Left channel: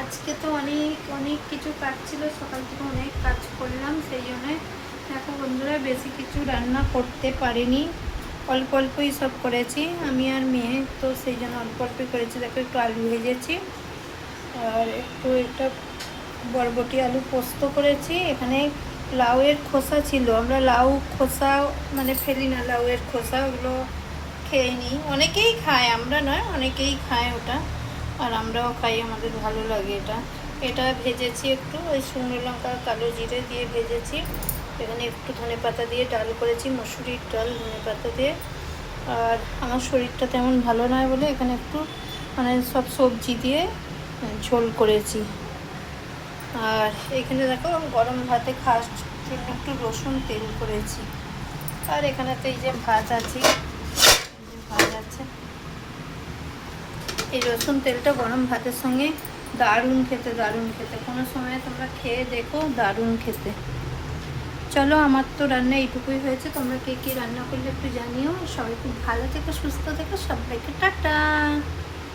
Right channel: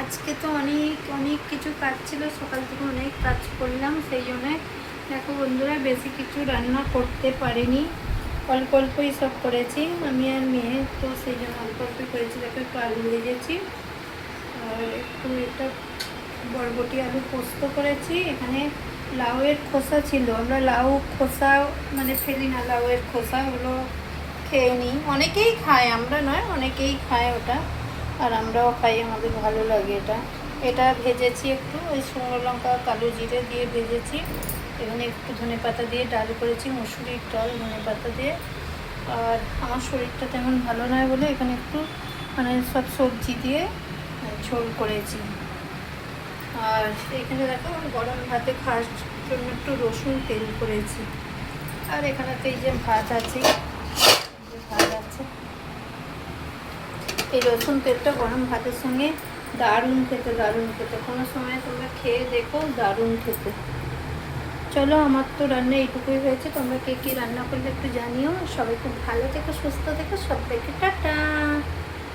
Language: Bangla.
আজকে তো অনেক অনেক কিছু কাজ ছিল, সকাল থেকে অনেক কাজ করলাম, সেই জন্যে দেখো বন্ধুরা বেশি কিছু রান্না করতে পারিনি, অল্প অল্পই সব করেছি আমি আর মেয়ে, তো সেই জন্য অল্প অল্পই করেছি। দেখো একটু আলু ভেজেছি আর একটা বরবটি আলু পোস্ত করেছি। এখানে লাউয়ের খোসা ছিল, আমরা লাউ খোসা মানে ফেলি না, লাউয়ের খোসা ওগুলো খেয়ে নিই, অনেকেই খায়, আমরা নয় অনেকেই খায় ওটা, আর আমরাও খাই, আমাদের ভালো লাগে এটা। এটা ভেজেছি একটু, ওই শুকনো লঙ্কা কালো জিরে দিয়ে ভেজেছি। এখানে একটু ধনেপাতা দিয়ে ডাল করেছি, মুসুরির ডাল ধনেপাতা দিয়ে। আর আমার শরীরটা তেমন ভালো নয় বলে এখানে একটু মানে সব সবজি দিয়ে ঝোল করেছি। আর এখানে দেখো গরম ভাতে খাওয়ার জন্য একটু রসুন তেল করেছি। আর এখানে তো এই যে ভাত আছে, এই রসুন তেলটা গরম ভাতের সঙ্গে দারুণ খেতে, দারুণ খেতে। কোনো সময় তোমরা খেয়ে দেখো, দারুণ খেতে। চলো, আমার তো রান্না এইটুকুই হয়েছে, তোমরা কে কী রান্না করলে একটু জানিও। সবাই খুব ভালো থেকো, সুস্থ থেকো, সবাইকে টাটা।